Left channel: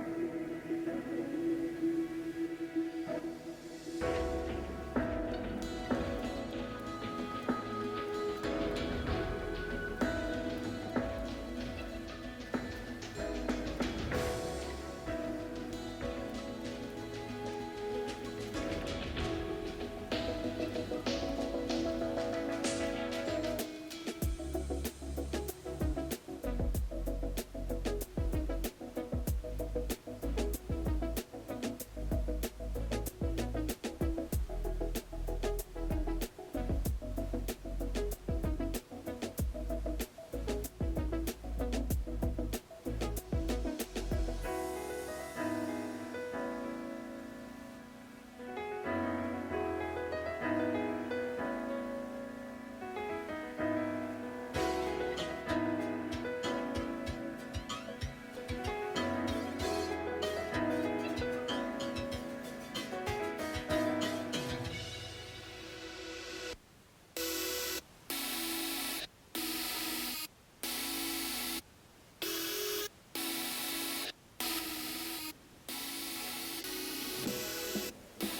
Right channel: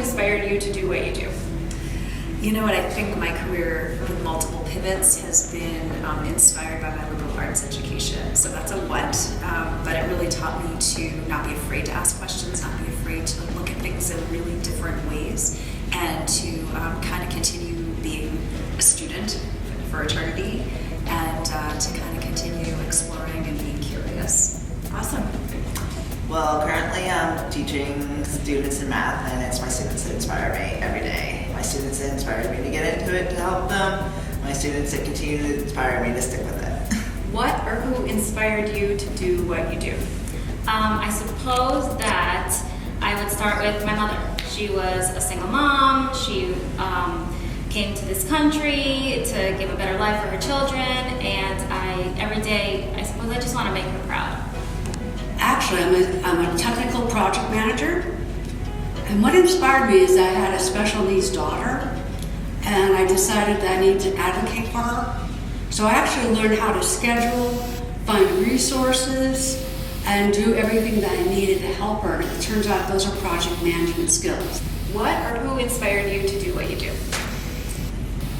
inspired you to do what you do? You know what, I think my career with multiple pivots has been inspired by my liberal arts education. So that's a what, but it really taught me to not be afraid to ask questions, not be afraid to look at things in really different ways, and to kind of continue being a student for eternity, and to kind of continue exploring and being curious. Awesome. Well, currently I'm teaching students in math, and it's my students that inspire me every day. My students that inspire me to get into it to help them. My students that continue to inspire me to stick with it. What or who inspired you to do what you do? I suppose that I would start with my mother. She was a single mom. She came to this country to give a better life for her children, and every day, I suppose I just want to make her proud. Actually, I'm a technical project manager, and what inspired me is I had a special needs daughter, and I decided that I needed to advocate for her. So I actually learned how to schedule, find resources, and do everything that I needed to help her. And it turns out those are project management skills. What or who inspired you to do what you do?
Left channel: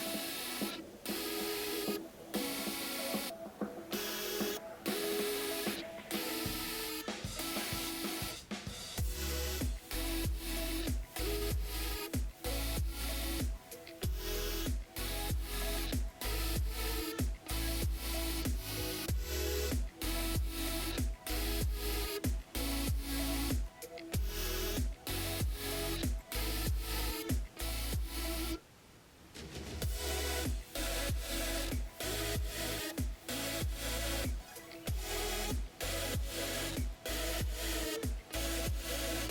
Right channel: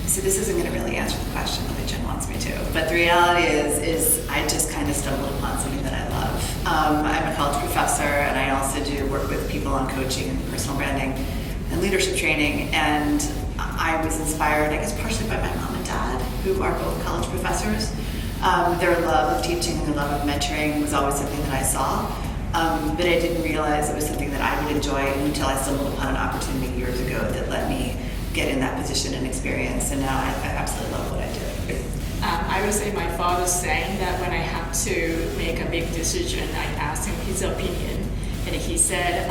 So this isn't going to really answer the question the way Jen wants me to, but the reality is I just kind of stumbled upon something that I love. I'm a college professor, and I also do work with people on coaching and personal branding and leadership training, and I was inspired, I guess, partially by my mom and dad, who are both college professors. Their love of teaching and their love of mentoring was always something that I saw, but I didn't realize it was something that I would enjoy until I stumbled upon an opportunity years ago that let me get in that position and experience, and now I absolutely love what I do. I would say my father's saying that when I have to make a big decision, I asked him his opinion, and he said,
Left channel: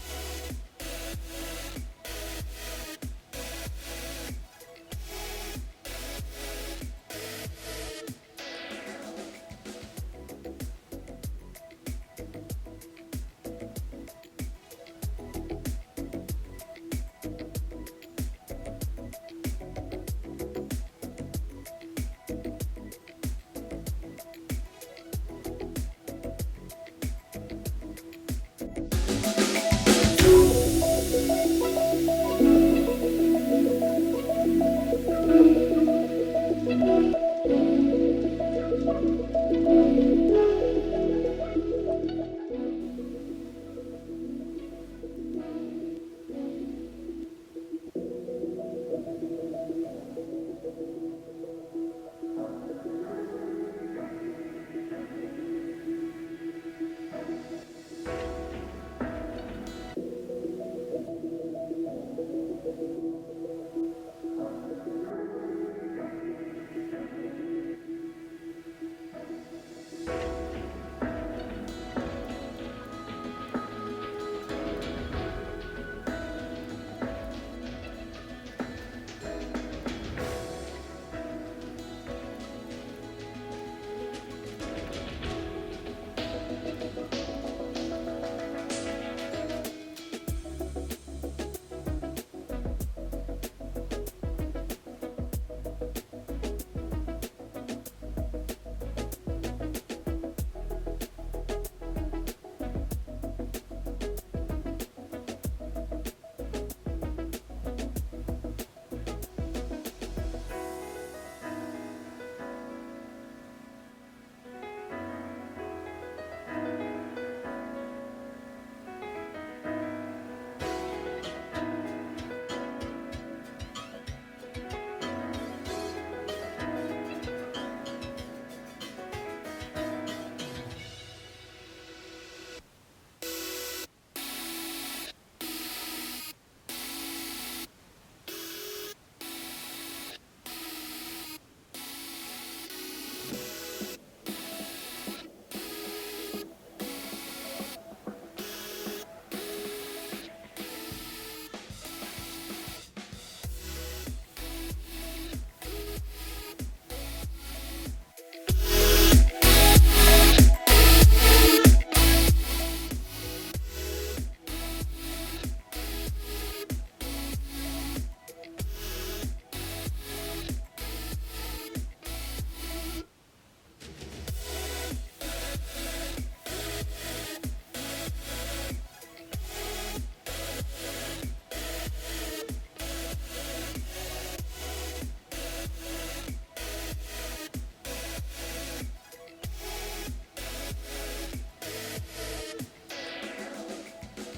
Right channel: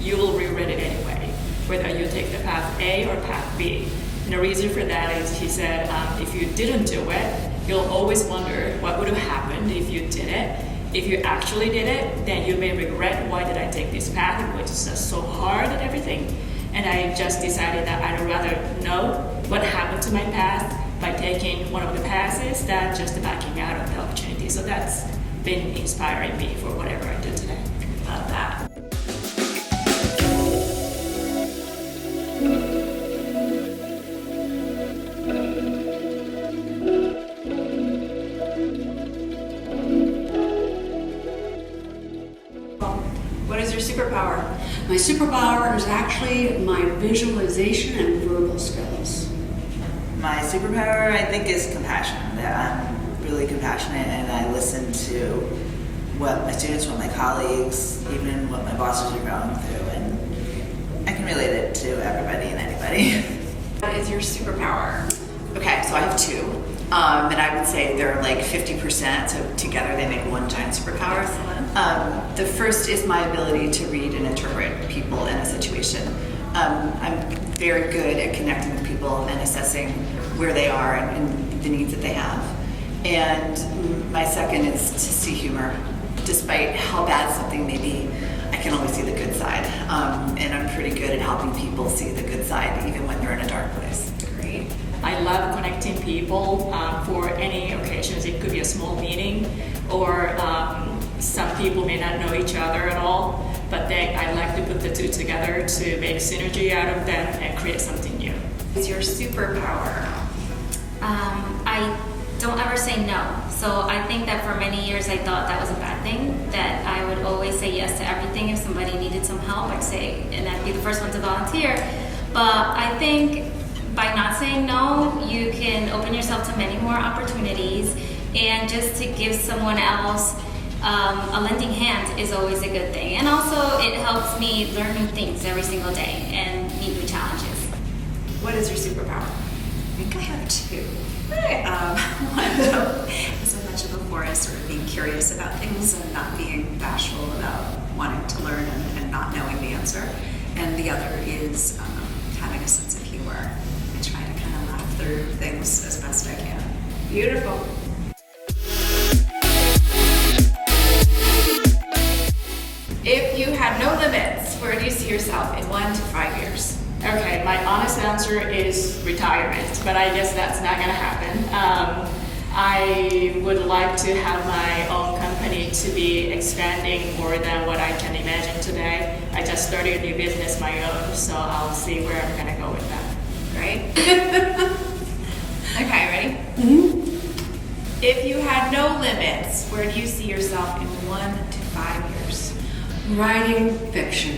you will regret it anyway, whether you take the path A or path B. And the reason for that is, he said, if you didn't do it, you'll always wonder what would have happened if you did it. If you actually did it, then you may regret, why did I take this path, which is just so hard and everything. And I just decided that I'd rather know what happened to my path by taking one of the passes than just backing out of the opportunity. So that's been inspiring me for whatever I do today. Love that. What is your superpower? My superpower is actually my visualization and verbal skills. My superpower, I think, is compassion. I'm really compassionate, and I listen to what my students, what my colleagues, even what my bosses are going through, and I can relate it to everybody and anybody. What is your superpower? Okay, so I have two, and I would say they're like 50%, so together they make one giant superpower. The first is my ability to read and interpret people in a situation. I'm very good at connecting with people and assessing where they are and the needs that they have. And my second is to see humor. Despite how bad something may be, I can always see the good side. And I'm pretty good at helping people see the good side even when they're in a dark place. Great. I love connecting people for any occasions. It could be a small meeting, or some people may not know each other at all, but then I like to put the two together to make synergy out of them and create something new. What is your superpower? I don't ever say no. So I think that for many years I thought that was a bad thing, that I would always say yes to everything. If somebody needed some help, I'd say, and I'd be the first one to volunteer. But I think by not saying no, you can open yourself to many more opportunities, and just to give someone else a lending hand is always a good thing. And also it helps me learn new things every single day and meet new challenges. What is your superpower? I think I have two. Hey. One, as I mentioned before, is sort of being curious about things and not being bashful about wanting to learn and not knowing the answer. And the other is having a sense of humor. I try to kind of laugh through things as best I can. Beautiful. If you had no limits, where do you see yourself in 1 to 5 years? Okay, my honest answer is retirement, but I guess that's not gonna happen. I would like to have my own company to be expanding more than what I can imagine today. I just started a new business my own, so I'll see where I'm gonna go with that. Right? Okay, ready? Mm-hmm. If you had no limits, where do you see yourself in 1 to 5 years? Writing fiction.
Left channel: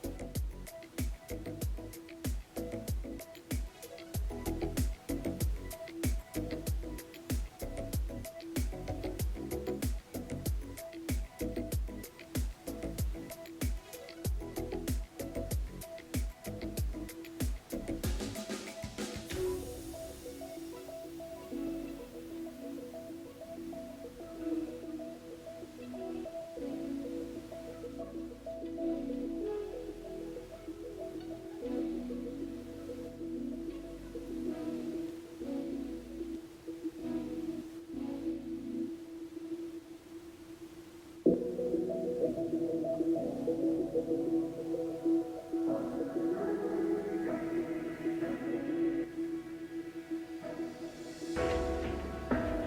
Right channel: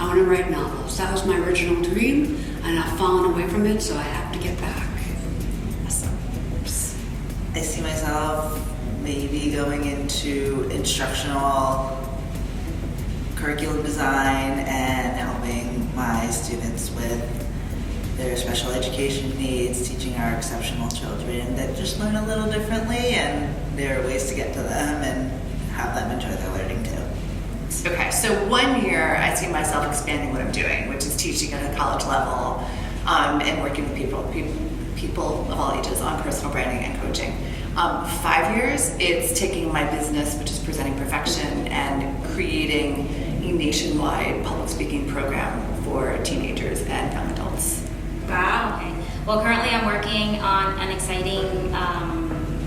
I want to write novels. That was my original dream, and I've fallen away from it, so I have to get back. I see myself maybe going into instructional curriculum design and helping my students with their special education needs, teaching our exceptional children that just learn a little differently, and there are ways to get to them and have them enjoy their learning too. Okay, so 1 year I see myself expanding what I'm doing, which is teaching at a college level and working with people of all ages on personal branding and coaching. 5 years, it's taking my business, which is Presenting Perfection, and creating a nationwide public speaking program for teenagers and young adults. Wow. Okay. Well, currently I'm working on an exciting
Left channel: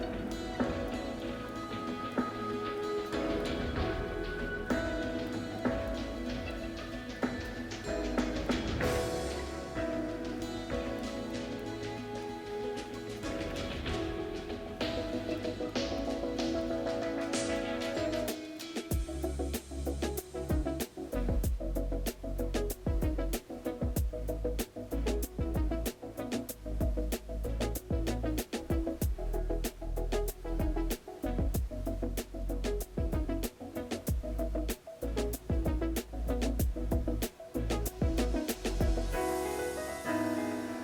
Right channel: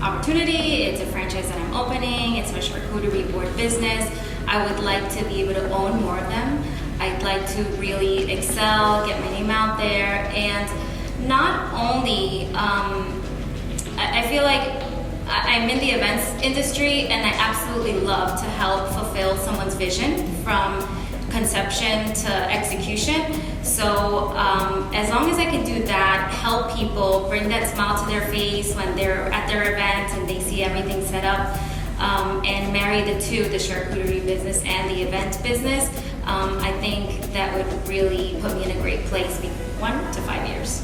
opportunity. It's a franchise that I'm opening. It's a charcuterie board business. I would like to be able to own more of them. I'd like to really excel, get my name out there, and not only, I feel like I'm in the events industry, and I absolutely love to help fulfill someone's vision from conception to execution. So as long as I can do that, help people, bring that smile to their face when they're at their event and they see everything set up, and marry the two, the charcuterie business and the event business, I think that would really put me in a great place 1 to 5 years.